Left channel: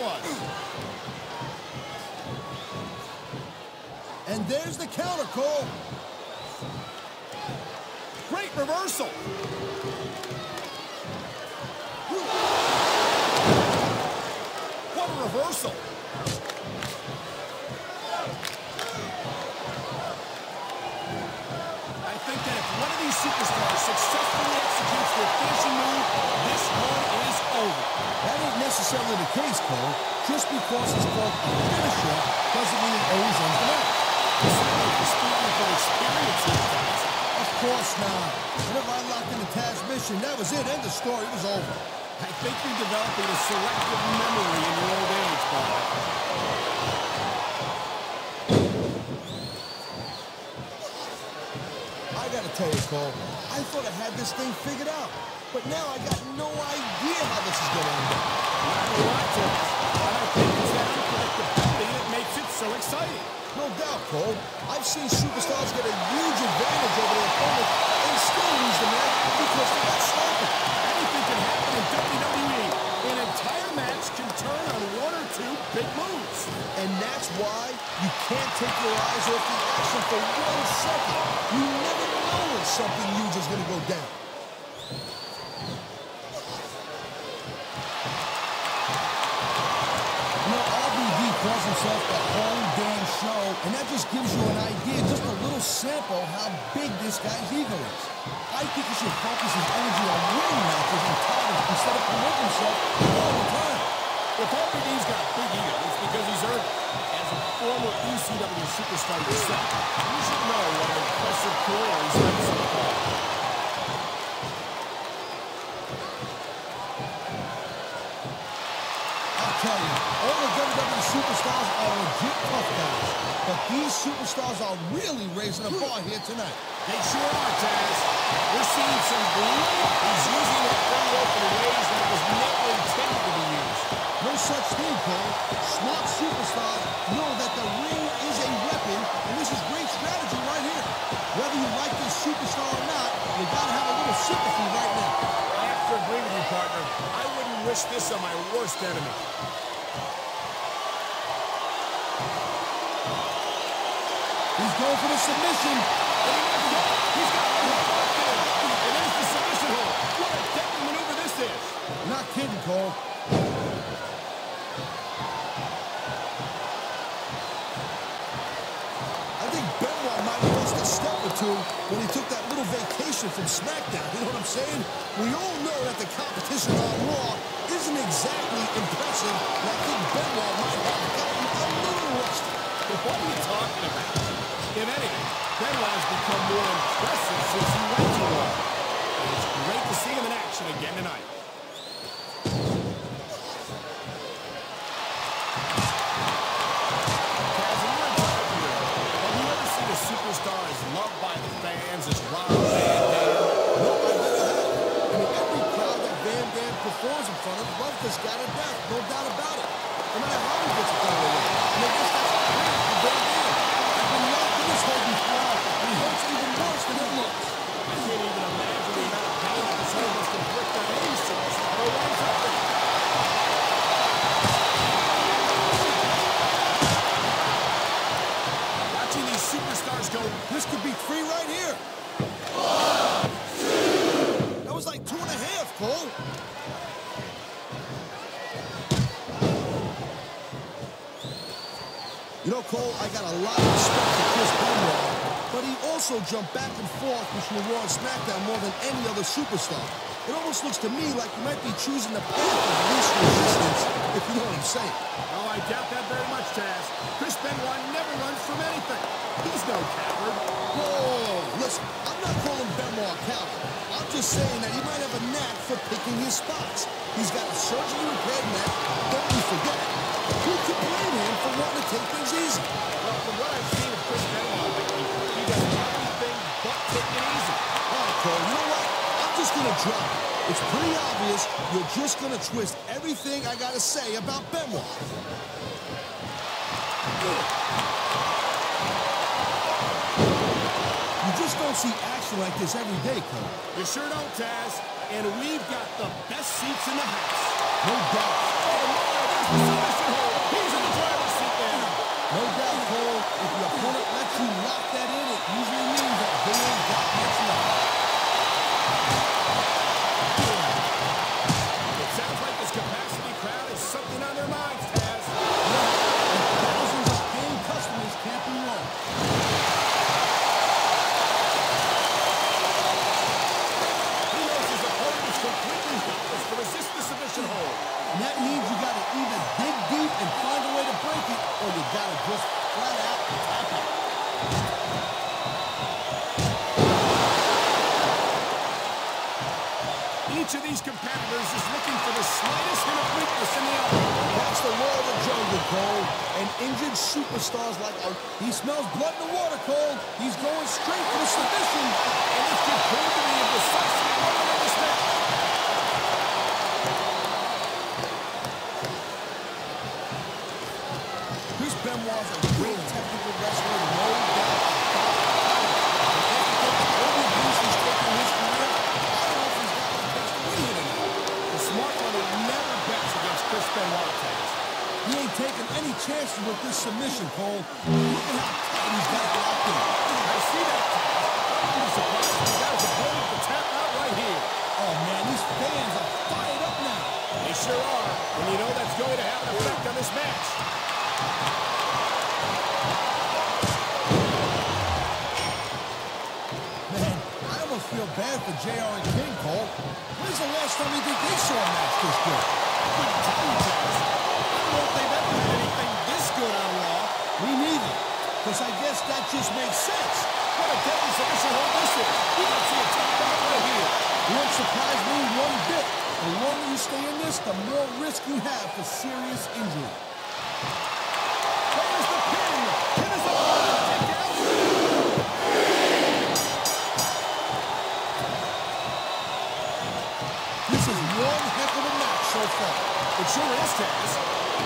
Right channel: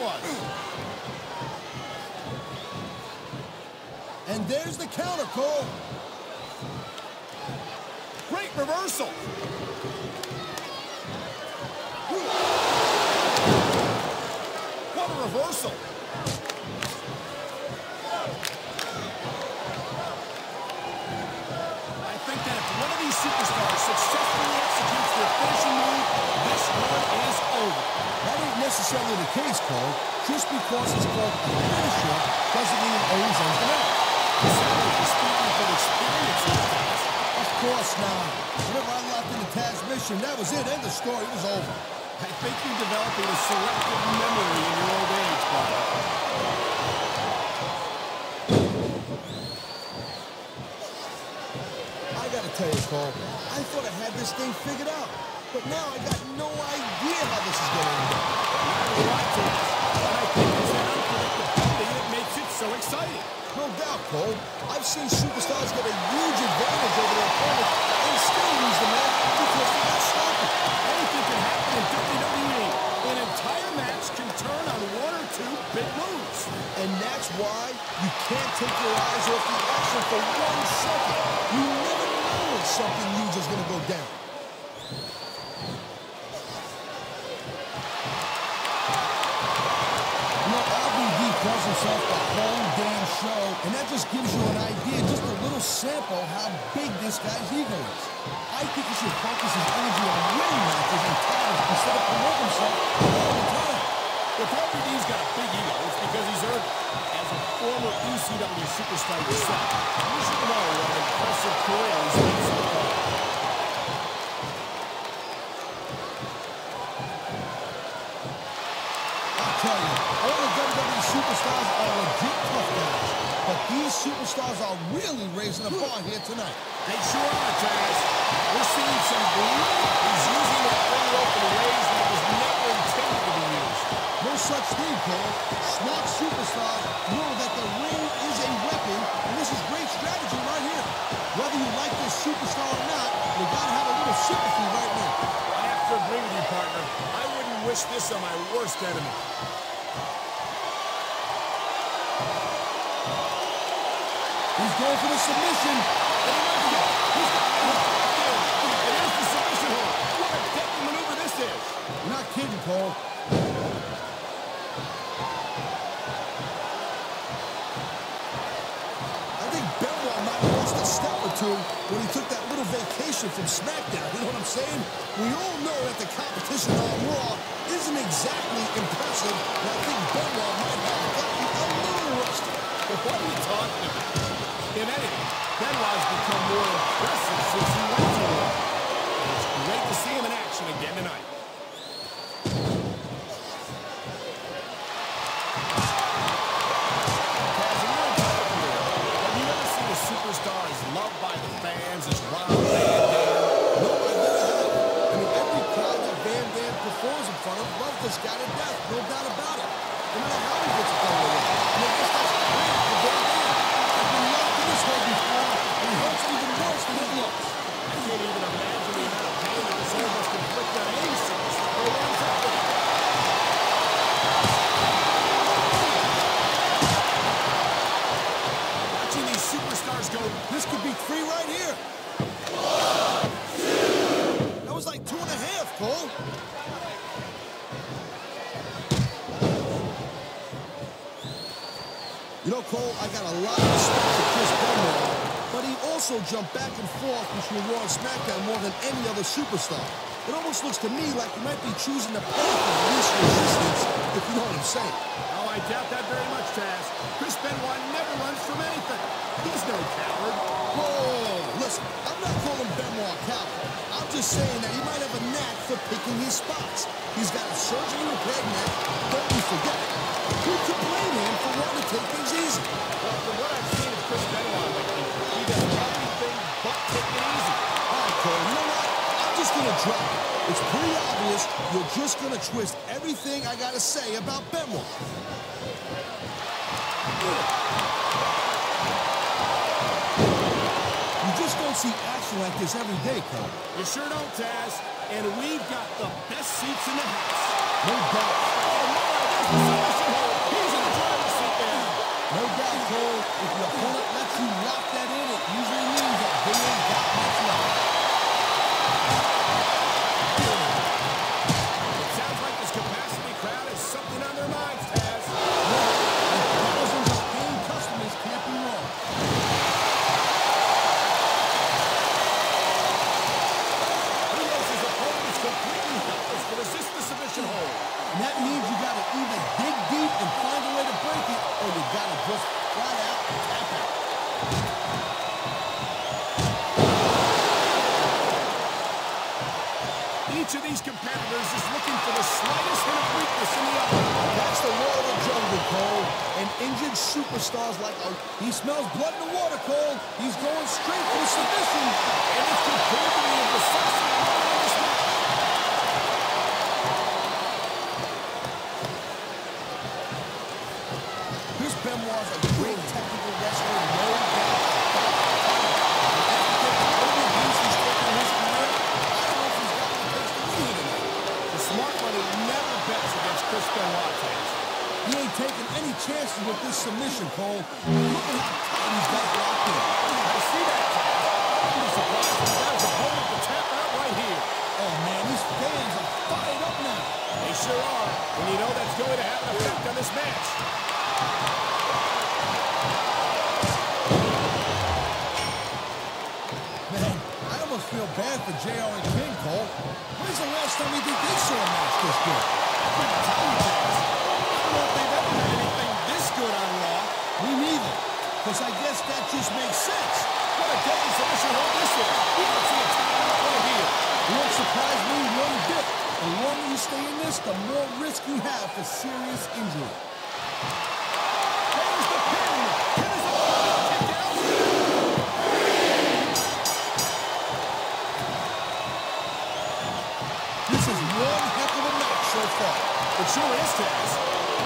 was. And there's the counter, Cole. Great reversal. What a reversal. I think that if one of these superstars successfully executes their finishing move, this one is over. That ain't necessarily the case, Cole. Just because it's called a finisher doesn't mean it always ends the match. Certainly, you're speaking from experience here, Taz. Of course not. Whenever I locked into Taz's mission, that was it. End of story. It was over. I think you're developing a selective memory in your old age, partner. I gotta tell you, Cole, I thought I had this thing figured out. But now I got no idea how this is gonna end up. Neither do I, Taz. And I think it's that unpredictability that makes it so exciting. No doubt, Cole. I've seen superstars get a huge advantage over their opponents and still lose the match because they got sloppy. Anything can happen in WWE. An entire match can turn on one or two big moves. And that's why you can't take your eyes off the action for 1 second. You never know when something huge is going to go down. You know, RVD calls himself the whole damn show, and that just gives you an idea, just a little sample how big this guy's ego is. I think he should focus his energy on winning matches and titles instead of promoting himself all the time. If RVD's got a big ego, it's because he's earned it. As a former ECW superstar yourself, you should know what an impressive career he's led so far. I'll tell you, all the WWE superstars are legit tough guys, but these superstars are really raising the bar here tonight. They sure are, Taz. We're seeing some great. He's using that ring rope in ways that it was never intended to be used. No such thing, Cole. Smart superstars know that the ring is a weapon, and this is great strategy right here. Whether you like this superstar or not, you gotta have a little sympathy right now. I have to agree with you, partner. I wouldn't wish this on my worst enemy. He's going for the submission. And he might get it. He's got the hold locked in. And there's the submission hold. What a deadly maneuver this is. You're not kidding, Cole. I think Benoit might have lost a step or two when he took that little vacation from SmackDown. You know what I'm saying? We all know that the competition on Raw isn't exactly impressive, and I think Benoit might have gotten a little rusty. What are you talking about? If anything, Benoit has become more impressive since he went to Raw. And it's great to see him in action again tonight. Taz, in your entire career, have you ever seen a superstar as loved by the fans as Rob Van Dam? No, I've never had. I mean, every crowd that Van Dam performs in front of loves this guy to death, no doubt about it. No matter how he gets it done in the ring. And I guess that's great for Van Dam. I've been locked in this hole before, and it hurts even worse than it looks. I can't even imagine the amount of pain that this hole must inflict on any superstar who winds up in it. Watching these superstars go, this could be 3 right here. That was like 2.5, Cole. You know, Cole, I got a lot of respect for Chris Benoit, but he also jumped back and forth between Raw and SmackDown more than any other superstar. It almost looks to me like he might be choosing the path of least resistance, if you know what I'm saying. Oh, I doubt that very much, Taz. Chris Benoit never runs from anything. He's no coward. Whoa, listen, I'm not calling Benoit a coward. I'm just saying that he might have a knack for picking his spots. He's got a surgically repaired neck, don't you forget. Who can blame him for wanting to take things easy? Well, from what I've seen of Chris Benoit lately, he does everything but take it easy. All right, Cole, you know what? I'm just going to drop it. It's pretty obvious you're just going to twist everything I got to say about Benoit. You You just don't see action like this every day, Cole. You sure don't, Taz. And we've got the best seats in the house. No doubt. Oh, my, there's the submission hold. He's in the driver's seat now. No doubt, Cole. If your opponent lets you lock that in, it usually means that they ain't got much left. It sounds like this capacity crowd has something on their minds, Taz. Yeah, and thousands of paying customers can't be wrong. He knows his opponent is completely helpless to resist the submission hold. And that means you got to either dig deep and find a way to break it, or you got to just flat out tap out. Each of these competitors is looking for the slightest hint of weakness in the other. That's the law of the jungle, Cole. And injured superstars like, oh, he smells blood in the water, Cole. He's going straight for the submission. And this could prove to be a decisive moment in this match. Chris Benoit's a great technical wrestler, no doubt about it. And after taking all the abuse he's taken in his career, I don't know if he's got what it takes to win here tonight. The smart money never bets against Chris Benoit, Taz. He ain't taking any chances with this submission, Cole. Look at how tight he's got it locked in. I see that, Taz. I wouldn't be surprised if he got his opponent to tap out right here. Oh, man, these fans are fired up now. They sure are, and you know that's going to have an effect on this match. Man, I almost feel bad for JR and King, Cole. When's the last time you think they saw a match this good? I couldn't tell you, Taz. I don't know if they've ever had anything this good on Raw. Me neither, because I guess that just makes sense. What a deadly submission hold this is. We might see a tap out right here. It won't surprise me one bit. The longer you stay in this, the more risk you have for serious injury. There's the pin. Can his opponent kick out? This is one heck of a match so far. It sure is, Taz.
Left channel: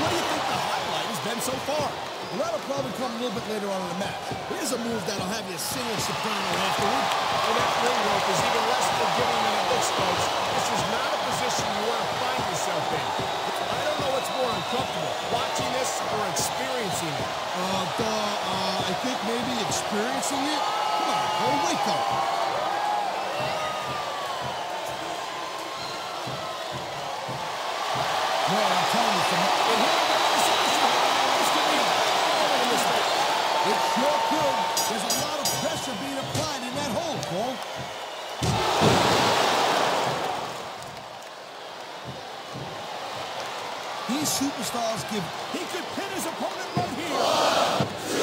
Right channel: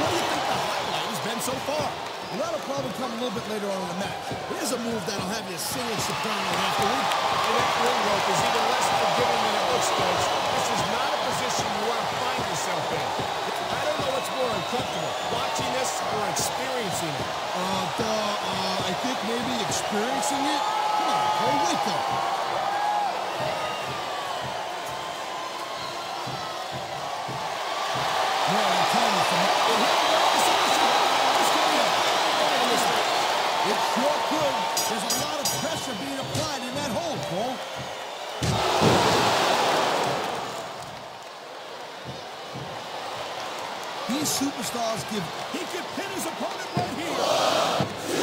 What do you think the highlight has been so far? Well, that'll probably come a little bit later on in the match. Here's a move that'll have you singing soprano afterward. And that ring rope is even less forgiving than it looks, folks. This is not a position you want to find yourself in. I don't know what's more uncomfortable, watching this or experiencing it. I think maybe experiencing it. Come on, Cole, wake up. Man, I'm telling you, and here we go with the submission hold. This could be a pivotal moment in this match. It sure could. There's a lot of pressure being applied in that hold, Cole. These superstars give... He could pin his opponent right here. 1, 2,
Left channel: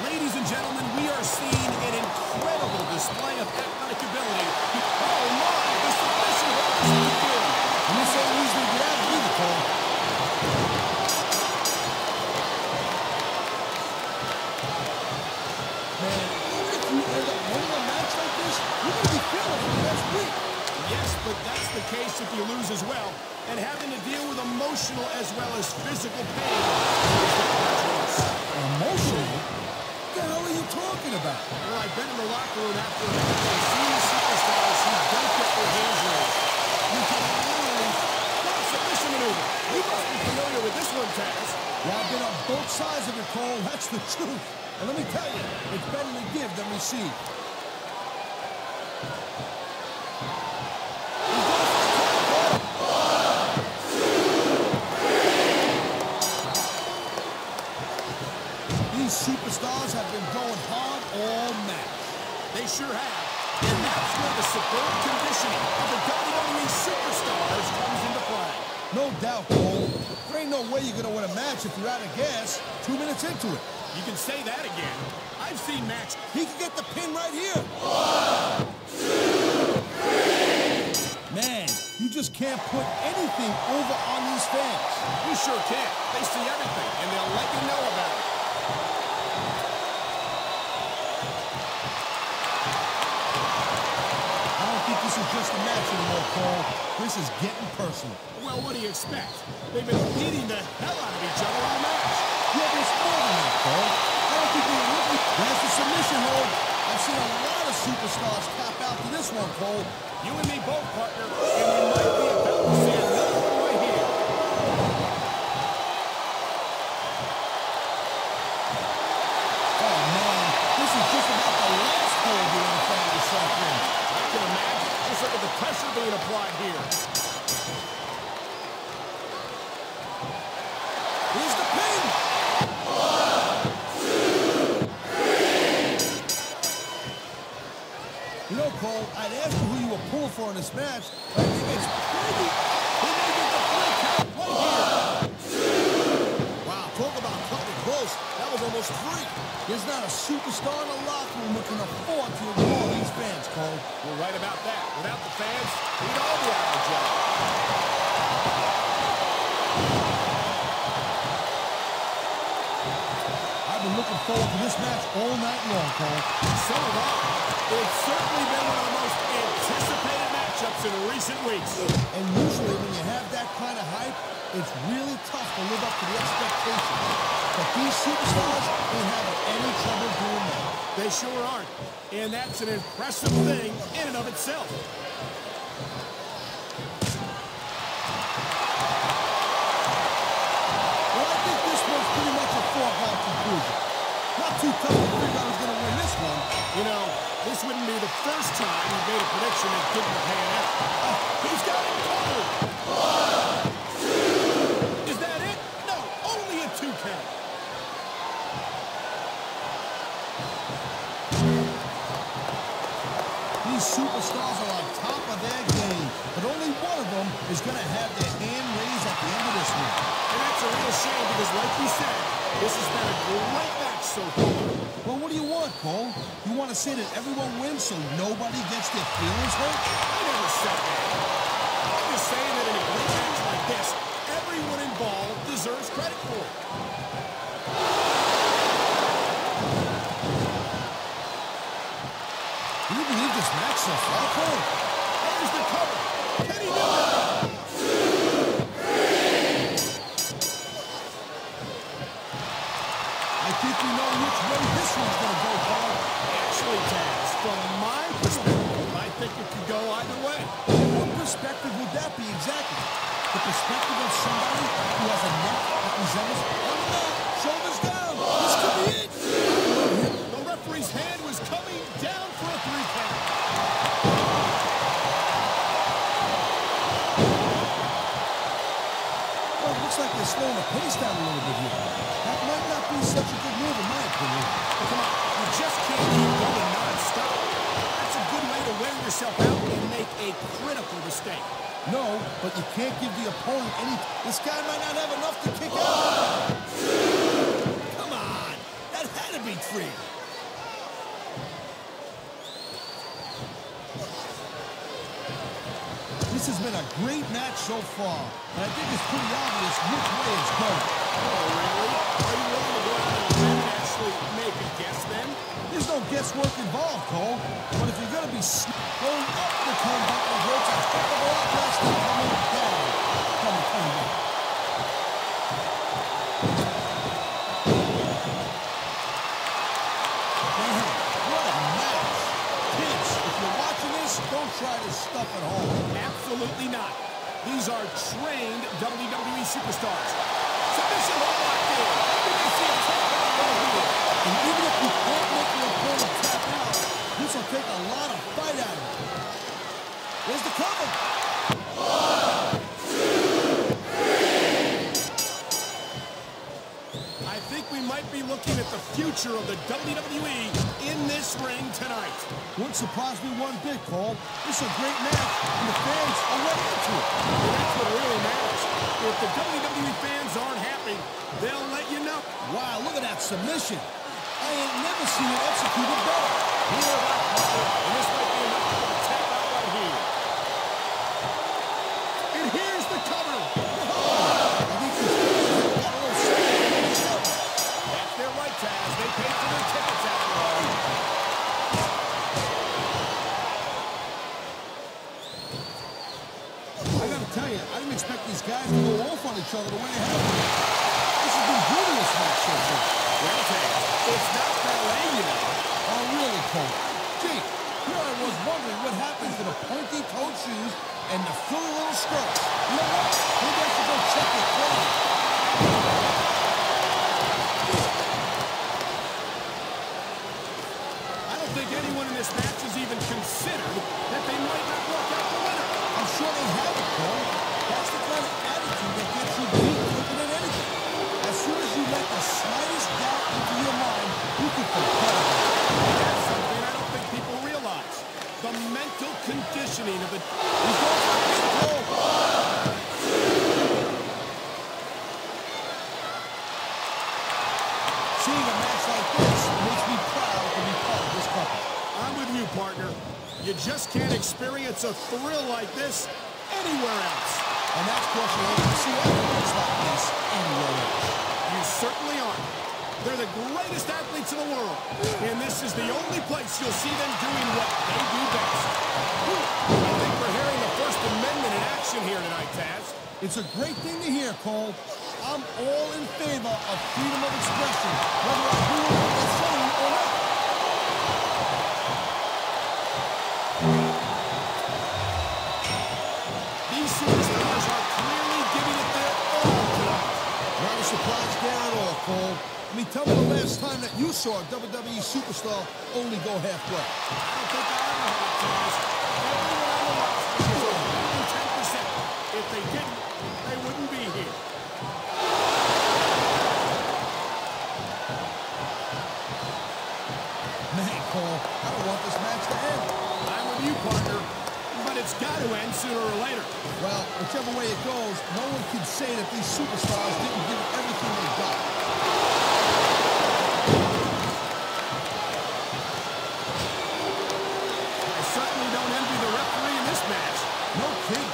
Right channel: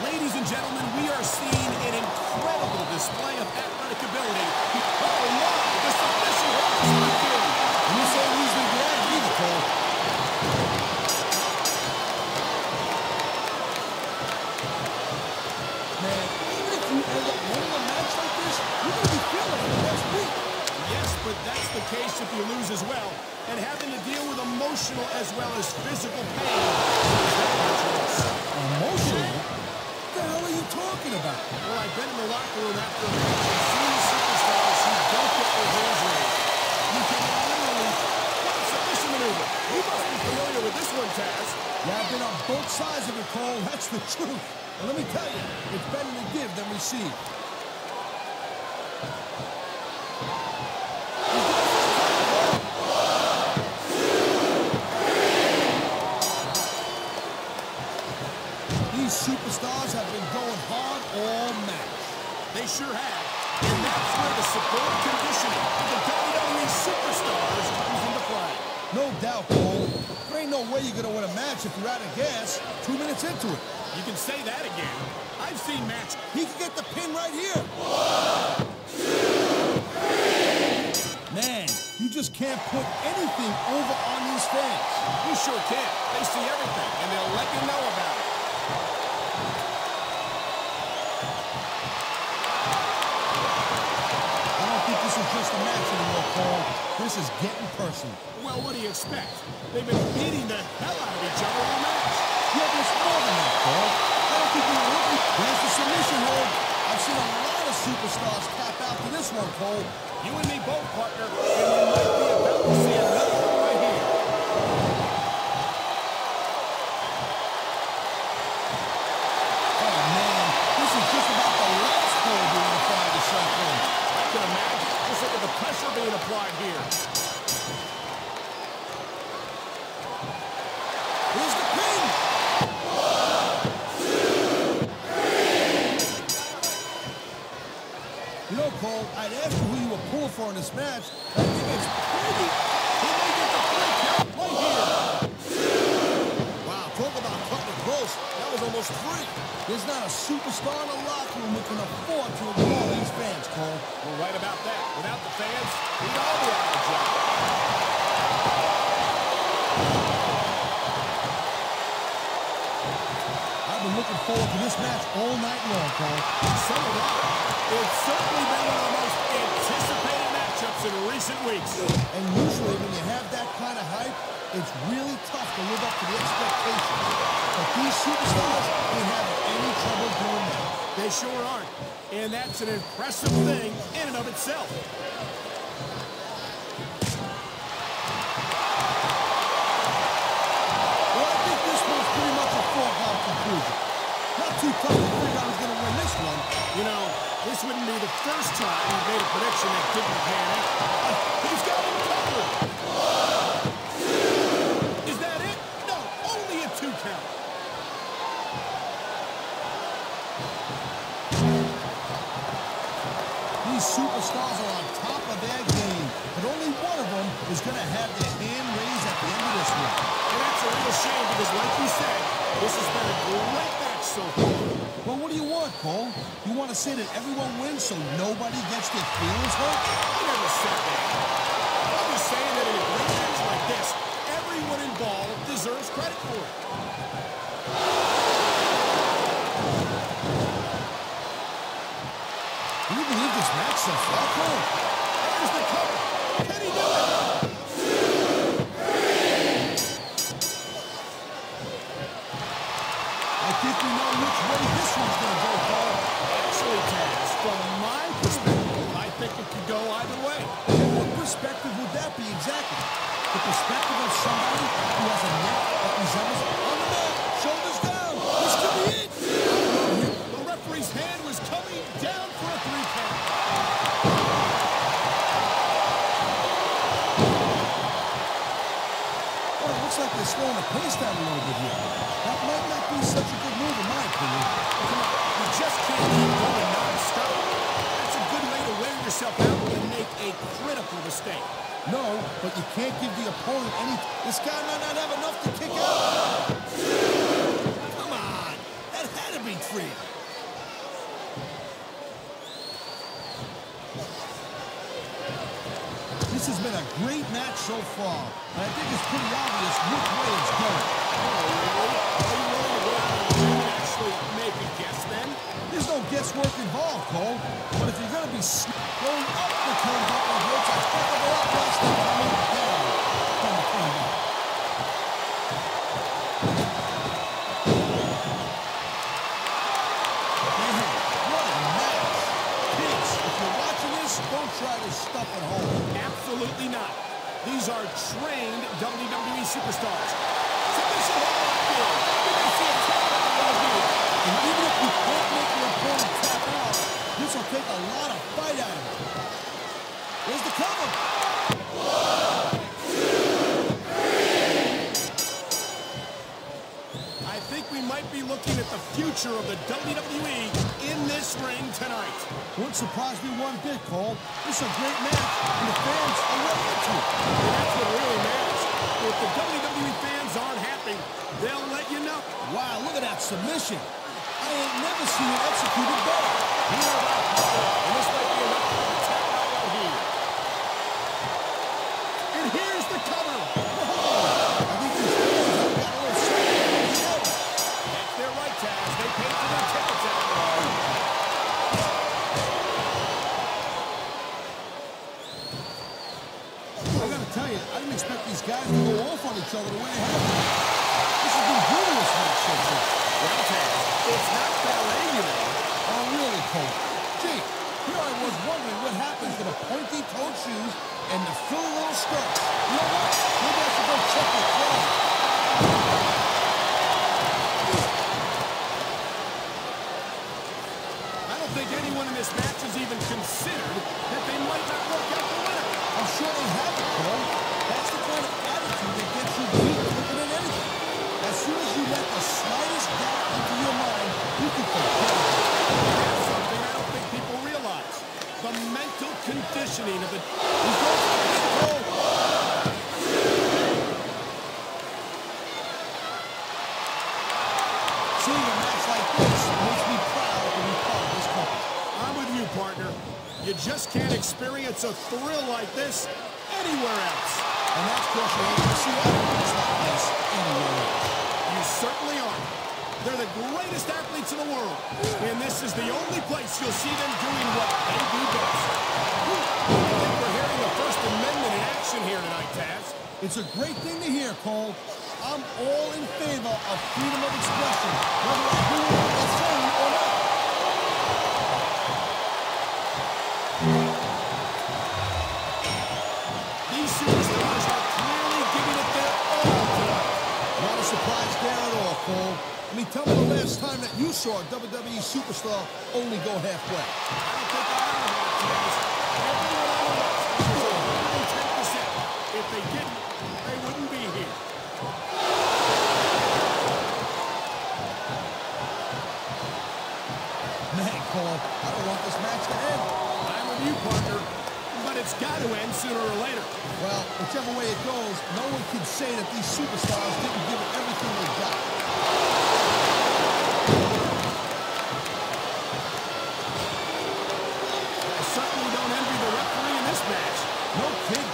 3. Ladies and gentlemen, we are seeing an incredible display of athletic ability. Oh my, the submission hold is locked in. And this ain't easy to get out of either, Cole. Man, even if you end up winning a match like this, you're going to be feeling for the next week. Yes, but that's the case if you lose as well. And having to deal with emotional as well as physical pain is that much worse. Emotional? What the hell are you talking about? Well, I've been in the locker room after a match and seen the superstars who don't get their hands raised. You can literally... What a submission maneuver. You must be familiar with this one, Taz. Yeah, I've been on both sides of it, Cole. That's the truth. And let me tell you, it's better to give than receive. He's going for the cover, Cole. 1, 2, 3. These superstars have been going hard all match. They sure have. And that's where the superb conditioning of the WWE superstars comes into play. No doubt, Cole. There ain't no way you're going to win a match if you're out of gas 2 minutes into it. You can say that again. I've seen matches. He can get the pin right here. 1, 2, 3. Man, you just can't put anything over on these fans. You sure can't. They see everything, and they'll let you know about it. I don't think this is just a match anymore, Cole. This is getting personal. Well, what do you expect? They've been beating the hell out of each other all match. Yeah, but it's more than that, Cole. I don't think they're looking. There's the submission hold. I've seen a lot of superstars tap out to this one, Cole. You and me both, partner, and we might be about to see another one right here. Oh, man, this is just about the last hold you want to find yourself in. I can imagine. Just look at the pressure being applied here. Here's the pin. 1, 2, 3. You know, Cole, I'd ask you who you were pulling for in this match. I think it's pretty... He may get the 3 count right here. Wow, talk about cutting it close. That was almost 3. There's not a superstar in the locker room who can afford to ignore these fans, Cole. You're right about that. Without the fans, we'd all be out of a job. I've been looking forward to this match all night long, Cole. So have I. It's certainly been one of the most anticipated matchups in recent weeks. And usually when you have that kind of hype, it's really tough to live up to the expectations. But these superstars ain't having any trouble doing that. They sure aren't. And that's an impressive thing in and of itself. Well, I think this one's pretty much a foregone conclusion. Not too tough to figure out who's going to win this one. You know, this wouldn't be the first time he made a prediction that didn't pan out. He's got him covered. 1, 2. Is that it? No, only a 2 count. These superstars are on top of their game, but only one of them is going to have their hand raised at the end of this one. And that's a real shame because, like you said, this has been a great match so far. Well, what do you want, Cole? You want to say that everyone wins so nobody gets their feelings hurt? I never said that. I'm just saying that in a great match like this, everyone involved deserves credit for it. Can you believe this match so far, Cole? There's the cover. Can he do it? 2, 3. I think we know which way this one's going to go, Cole. Actually, Taz, from my perspective, I think it could go either way. And what perspective would that be exactly? The perspective of somebody who has a neck that resembles on the mat, shoulders down. This could be it. I love him. The referee's hand was coming down for a 3 count. Well, it looks like they're slowing the pace down a little bit here. That might not be such a good move, in my opinion. Well, come on. You just can't keep going non-stop. That's a good way to wear yourself out and make a critical mistake. No, but you can't give the opponent any... This guy might not have enough to kick out. 1, 2. Come on. That had to be 3. This has been a great match so far, and I think it's pretty obvious which way it's going. Oh, really? Are you willing to go out on a limb and actually make a guess then? There's no guesswork involved, Cole. But if you're going to be going up the turnbuckle hurts a heck of a lot less than coming down from the turnbuckle. Man, what a match. Kids, if you're watching this, don't try this stuff at home. Absolutely not. These are trained WWE superstars. Submission hold locked in. We may see a tap out right here. And even if you can't make your opponent tap out, this will take a lot of fight out of him. There's the cover. 1, 2, 3. I think we might be looking at the future of the WWE in this ring tonight. Wouldn't surprise me one bit, Cole. This is a great match, and the fans are way into it. And that's what really matters. If the WWE fans aren't happy, they'll let you know. Wow, look at that submission. I ain't never seen it executed better. Neither have I, partner, and this might be enough to get the tap out right here. And here's the cover. Whoa! I think these fans have got a little sign of jealous. That's their right, Taz. They paid for their tickets after all. I gotta tell you, I didn't expect these guys to go off on each other the way they have. This This has been brutal, this match so far. Well, Taz, it's not ballet, you know. Oh, really, Cole? Gee, here I was wondering what happened to the pointy-toed shoes and the frilly little skirts. You know what? Maybe I should go check your closet. I don't think anyone in this match has even considered that they might not walk out the winner. I'm sure they have it, Cole. That's the kind of attitude that gets you beat quicker than anything. As soon as you let the slightest doubt into your mind, you can forget about it. And that's something I don't think people realize. The mental conditioning of the... He's going for a pin, Cole. Seeing a match like this makes me proud to be part of this company. I'm with you, partner. You just can't experience a thrill like this anywhere else. And that's because you ain't gonna see athletes like this anywhere else. You certainly aren't. They're the greatest athletes in the world. And this is the only place you'll see them doing what they do best. I think we're hearing the First Amendment in action here tonight, Taz. It's a great thing to hear, Cole. I'm all in favor of freedom of expression, whether I agree with what they're saying or not. These superstars are clearly giving it their all tonight. Not a surprise there at all, Cole. I mean, tell me the last time that you saw a WWE superstar only go halfway. I don't think I ever have, Taz. Everyone on the roster is 110%. If they didn't, they wouldn't be here. Man, Cole, I don't want this match to end. I'm with you, partner. But it's got to end sooner or later. Well, whichever way it goes, no one can say that these superstars didn't give it everything they got. I certainly don't envy the referee in this match. No kidding.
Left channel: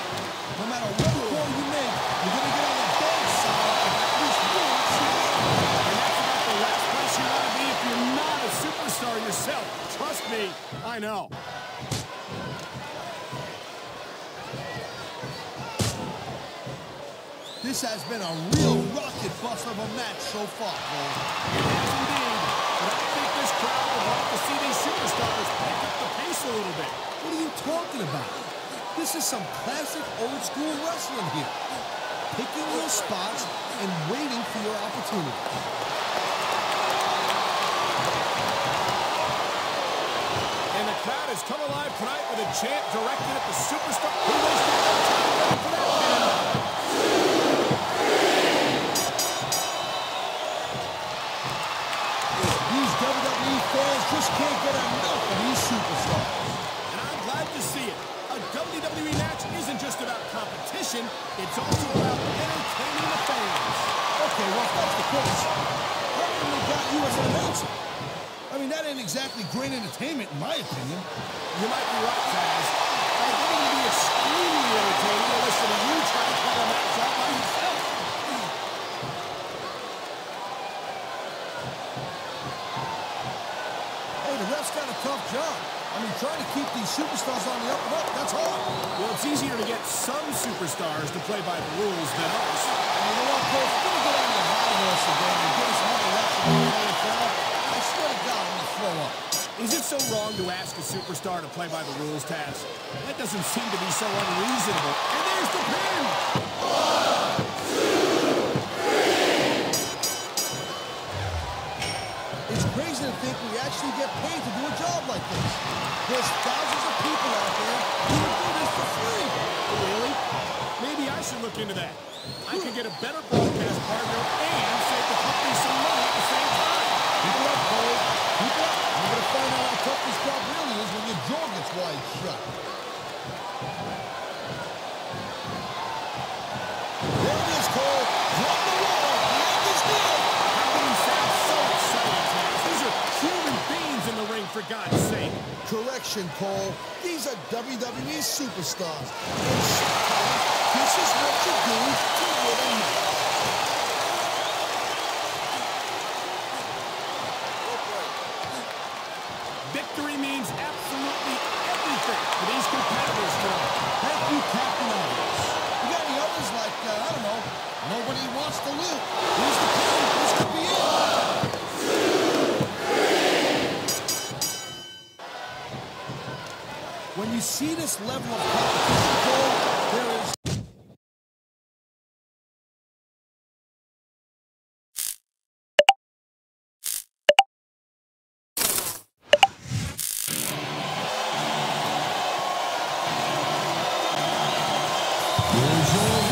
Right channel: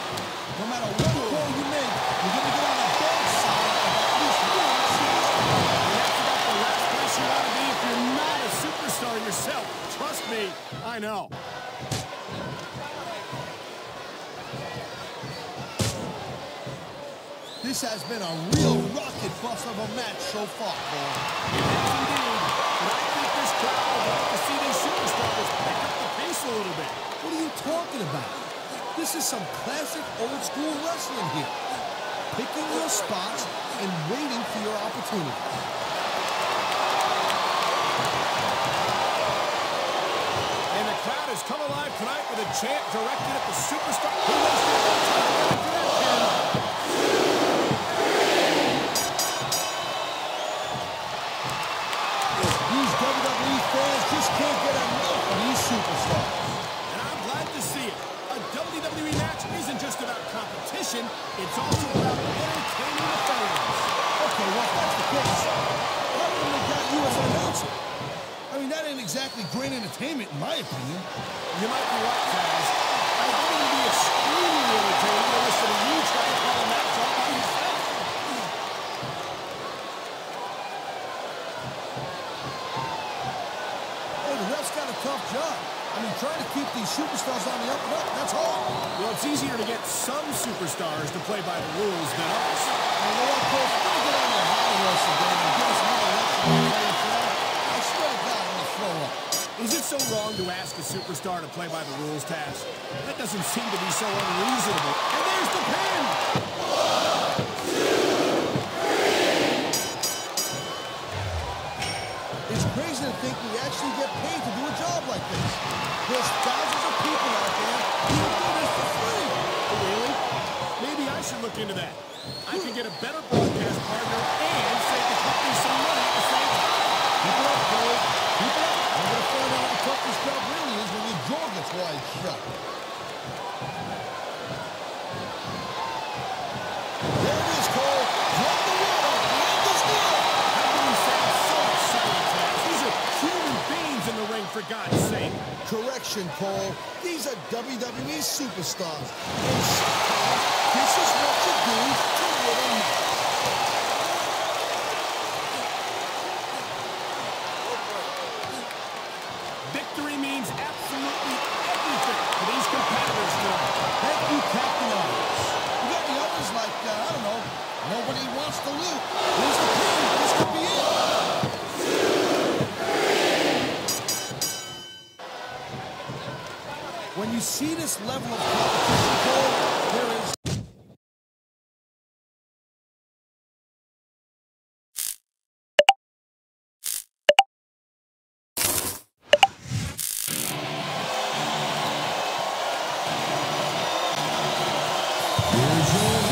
No matter what call you make, you're going to get on the bad side of at least one superstar. And that's about the last place you want to be if you're not a superstar yourself. Trust me, I know. This has been a real rocket bus of a match so far, Cole. It has indeed. But I think this crowd would like to see these superstars pick up the pace a little bit. What are you talking about? This is some classic old-school wrestling here. Picking your spots and waiting for your opportunities. And the crowd has come alive tonight with a chant directed at the superstar. He wasted no time going for that pin. These WWE fans just can't get enough of these superstars. And I'm glad to see it. A WWE match isn't just about competition, it's also about entertaining the fans. Okay, well, if that's the case, how come they got you as an announcer? I mean, that ain't exactly great entertainment, in my opinion. You might be right, Taz. I think it would be extremely entertaining to listen to you try to call a match all by yourself. Hey, the ref's got a tough job. I mean, trying to keep these superstars on the up and up, that's hard. Well, it's easier to get some superstars to play by the rules than others. And you know what, Cole? If you're going to get on your high horse again and give us another lecture about playing fair, I swear to God, I'm going to throw up. Is it so wrong to ask a superstar to play by the rules, Taz? That doesn't seem to be so unreasonable. And there's the pin! It's crazy to think we actually get paid to do a job like this. There's thousands of people out there who would do this for free. Really? Maybe I should look into that. I could get a better broadcast partner and save the company some money at the same time. Keep it up, Cole. Keep it up. We're going to find out how tough this job really is when your jaw gets wide shut. There it is, Cole. Flood the water. The end is near. How can you sound so excited, Taz? These are human beings in the ring, for God's sake. Correction, Cole. These are WWE superstars. And sometimes this is what you do to win a match. Victory means absolutely everything for these these competitors tonight. Thank you, Captain Obvious. You got any others like, I don't know, nobody wants to lose. Here's the pin. This could be it. When you see this level of competition, Cole, there is... Here's your